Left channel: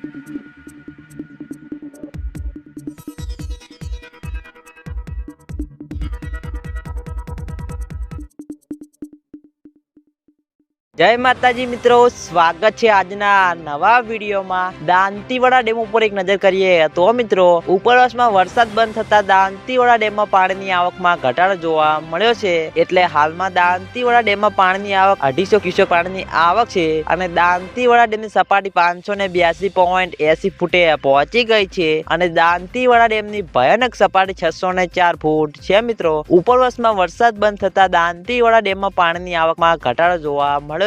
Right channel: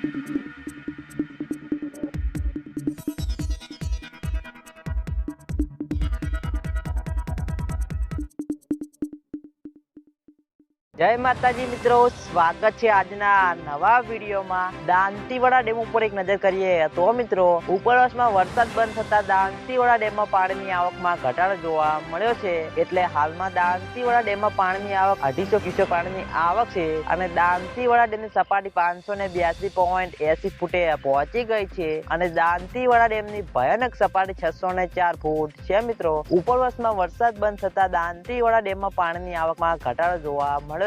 Thank you. જય માતાજી મિત્રો, સ્વાગત છે આજના નવા વિડીયોમાં. દાંતીવાડા ડેમ ઉપર એક નજર કરીએ તો મિત્રો, ઉપરવાસમાં વરસાદ બંધ થતા દાંતીવાડા ડેમમાં પાણીની આવકમાં ઘટાડો જોવા મળ્યો છે. એટલે હાલમાં દાંતીવાડા ડેમમાં પાણીની આવક અઢીસો ક્યુસેક પાણીની આવક છે અને દાંતીવાડા ડેમની સપાટી પાંચસો ને બ્યાસી પોઈન્ટ એસી ફૂટે પહોંચી ગઈ છે અને દાંતીવાડા ડેમની ભયાનક સપાટી છસો ને ચાર ફૂટ છે મિત્રો. ઉપરવાસમાં વરસાદ બંધ થતા દાંતીવાડા ડેમમાં પાણીની આવકમાં ઘટાડો જોવા મળ્યો